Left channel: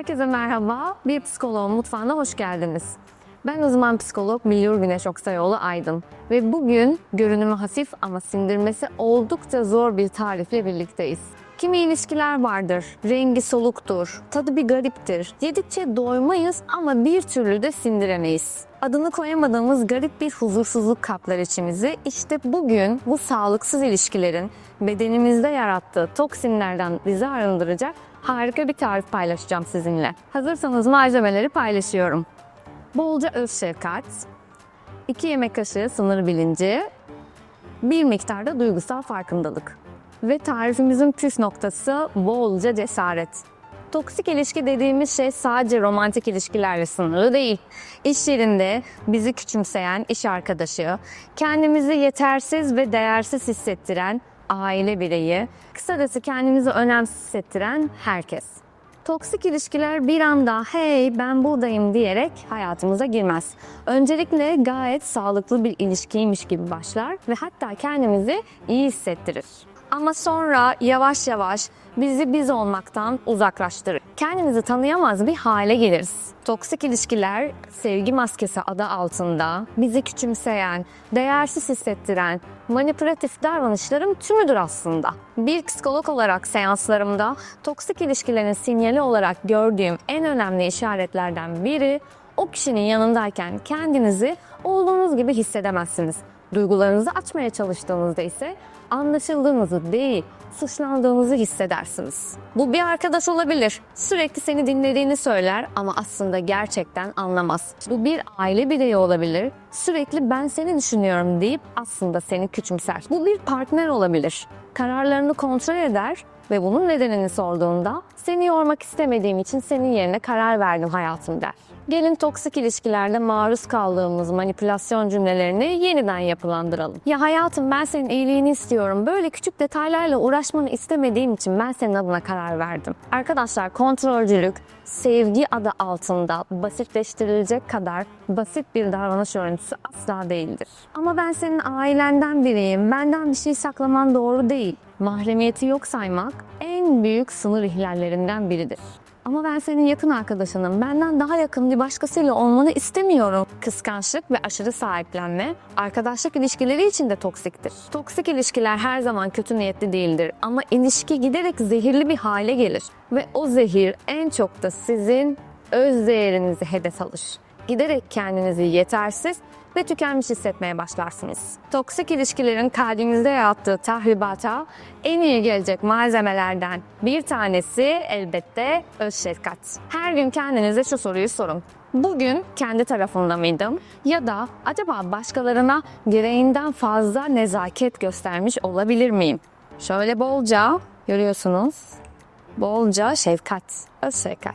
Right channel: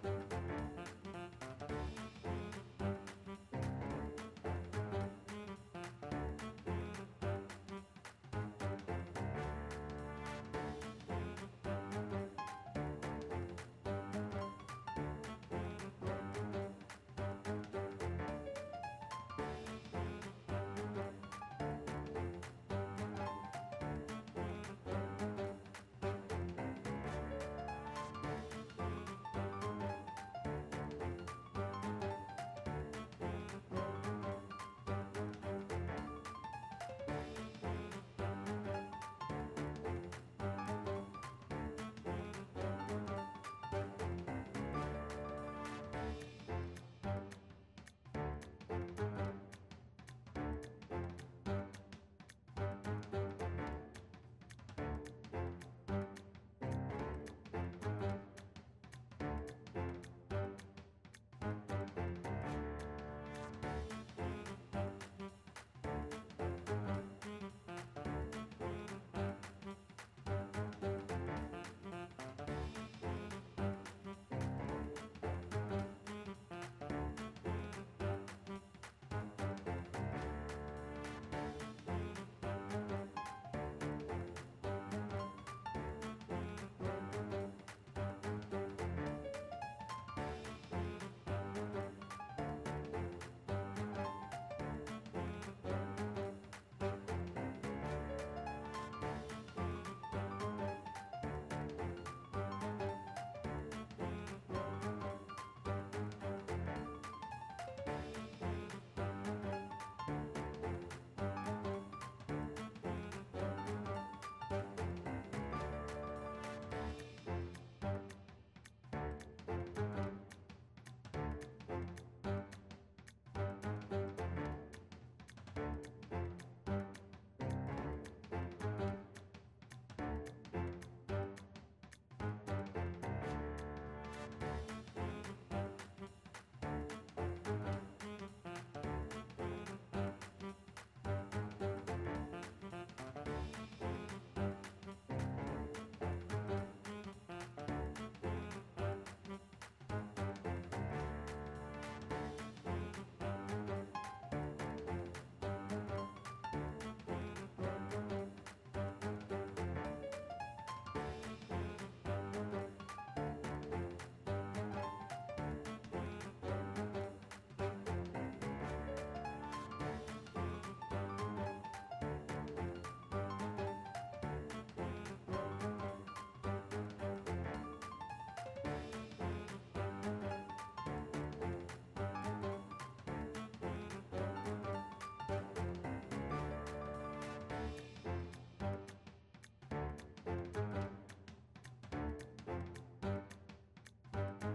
Herkese merhaba. Bir psikoloğun mutfağına hoş geldiniz. Ben uzman psikolog Milyur Güneş Oksayoğlu Aydın. Ve bugün görünümü hafif ama sindirmesi oldukça zor bir tarifle birlikteyiz. Kimi ilişkiler vardır, rengi soluktur, tadı bir gariptir. Yedikçe doymayız ama bir türlü de sindiremeyiz. Adını koyamadığımız garip bir huzursuzluk kaplar içimizi. İşte bugün bu sağlıksız ilişkilerin bedenimizde yarattığı toksinlerden bizi arındıracak harika bir tarif paylaşacağım sizinle. Hazırsanız malzemeleri paylaşıyorum. Bolca öz şefkat, 2 yemek kaşığı sınır bilinci, bir miktarda duygusal farkındalık. Ve tarifimizin püf noktası bolca cesaret. Toksik ilişki dediğimiz şey sadece romantik ilişkilerle sınırlı değil. İş yerinde bizi küçümseyen iş arkadaşı, kendimizi yetersiz ve değersiz hissettiren aile bireyi, kısacası kendimizi önemsiz hissettiren herkes. Toksik ilişkiler bir anda hey ben buradayım diyerek hayatımıza girmez. Öncelikle gayet sağlıklı bir ilişkiymiş gibi başlar ve hatta kendimizi iyi hissettirir. Ama sonra yavaş yavaş bizi biz olmaktan uzaklaştırır. Kendimizi tanıyamaz bir hale geliriz. Toksik ilişkiler sevgi maskesi adı altında bizi küçümseyen, değersiz hissettiren, manipülatif davranışların tümüdür aslında. Bir psikolog olarak seanslarımda toksik ilişkilerin sinyali olarak gördüğüm en önemli işaretlerden biri o kişinin yanındayken kendinizi olduğunuz gibi hissedemezsiniz. Duygularınızı açmaya çalıştığınızda ise anlaşıldığınızı değil, suçlandığınızı hissedersiniz. Bu bir arkadaş olabilir. Sürekli seni dinlediğini söyler ama aslında gerçekten anlamaz. Bu bir aile bireyi olabilir. Sürekli ben seni düşünüyorum deyip aslında seni küçümser. Bu bir partner olabilir. Kararlarını kontrol eder ve bunun nedenini sorduğunda seni yormak istemediğim için senin yerine karar verdim hayatım der. Gelin toksik ilişkilerde maruz kaldığımız manipülasyon cümlelerini yeniden yapılandıralım. Ya hayatım ben senin iyiliğini istiyorum. Böyle küçük detaylarla uğraşmanı istemediğim için ben senin adına karar verdim. Arkadaşlar kontrolcülük sevgi adı altında basitleştirilecek kadar basit bir davranış örüntüsü asla değildir. Ama ben senin ailenden biriyim. Benden bir şey saklaman doğru değil. Mahremiyeti yok saymak en büyük sınır ihlallerinden biridir. Ama ben senin yakın arkadaşınım. Benden daha yakın bir başkasıyla olmanı istemiyorum. Kıskançlık ve aşırı sahiplenme arkadaşlık ilişkileri için de toksiktir. Toksik ilişkiler her zaman kötü niyetli değildir ama ilişki giderek zehirli bir hale gelir ve o zehir en çok da sizin öz değerinizi hedef alır. Giderek kendinizi yetersiz ve tükenmiş hissetmeye başlarsınız. Toksik ilişkilerin kalbinizde yarattığı tahribata en iyi gelecek malzemelerden bir tanesi elbette öz şefkat. Her gün kendinize şu soruyu sorun. Bugün kendi tarafında mıydım? Ya da acaba başkalarına gereğinden fazla nezaket göstermiş olabilir miyim? Şöyle bolca görüyorsunuz. Bolca şefkat, öz şefkat.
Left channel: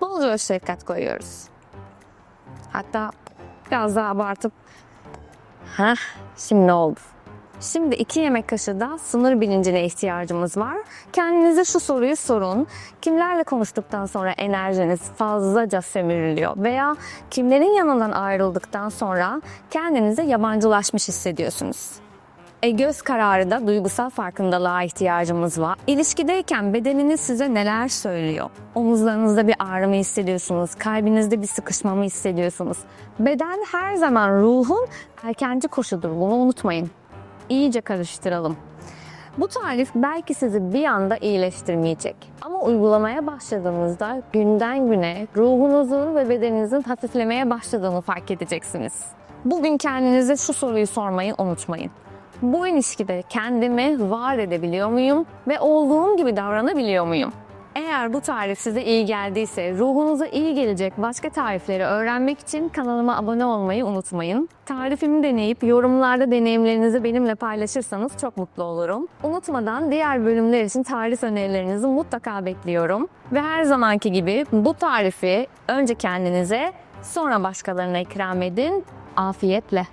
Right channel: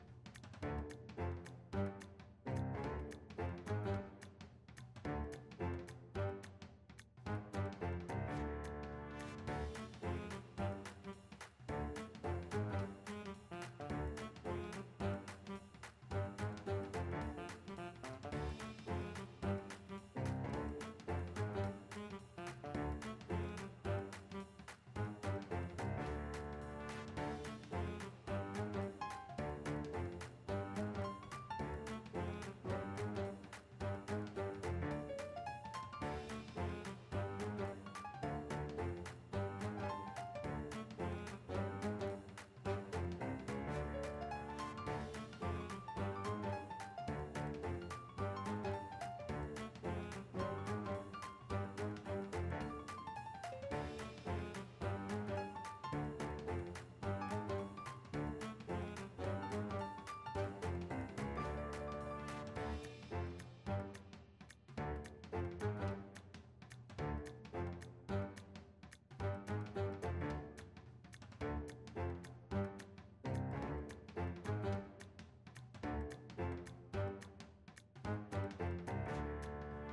Bolca öz şefkat koyuyoruz. Hatta biraz daha abartıp Heh, şimdi oldu. Şimdi iki yemek kaşığı da sınır bilincine ihtiyacımız var. Kendinize şu soruyu sorun. Kimlerle konuştuktan sonra enerjiniz fazlaca sömürülüyor? Veya kimlerin yanından ayrıldıktan sonra kendinize yabancılaşmış hissediyorsunuz? E, göz kararı da duygusal farkındalığa ihtiyacımız var. İlişkideyken bedeniniz size neler söylüyor? Omuzlarınızda bir ağrı mı hissediyorsunuz? Kalbinizde bir sıkışma mı hissediyorsunuz? Beden her zaman ruhun erkenci koşudur. Bunu unutmayın. İyice karıştıralım. Bu tarif belki sizi bir anda iyileştirmeyecek. Ama uygulamaya başladığınızda günden güne ruhunuzun ve bedeninizin hafiflemeye başladığını fark edeceksiniz. Bugün kendinize şu soruyu sormayı unutmayın. Bu ilişkide kendimi var edebiliyor muyum ve olduğum gibi davranabiliyor muyum? Eğer bu tarif size iyi geldiyse, ruhunuza iyi gelecek başka tarifleri öğrenmek için kanalıma abone olmayı unutmayın. Tarifimi deneyip yorumlarda deneyimlerinizi benimle paylaşırsanız çok mutlu olurum. Unutmadan diğer bölümler için tarif önerilerinizi mutlaka bekliyorum. Ve her zamanki gibi bu tarifi önce kendinize, sonra başkalarına ikram edin. Afiyetle.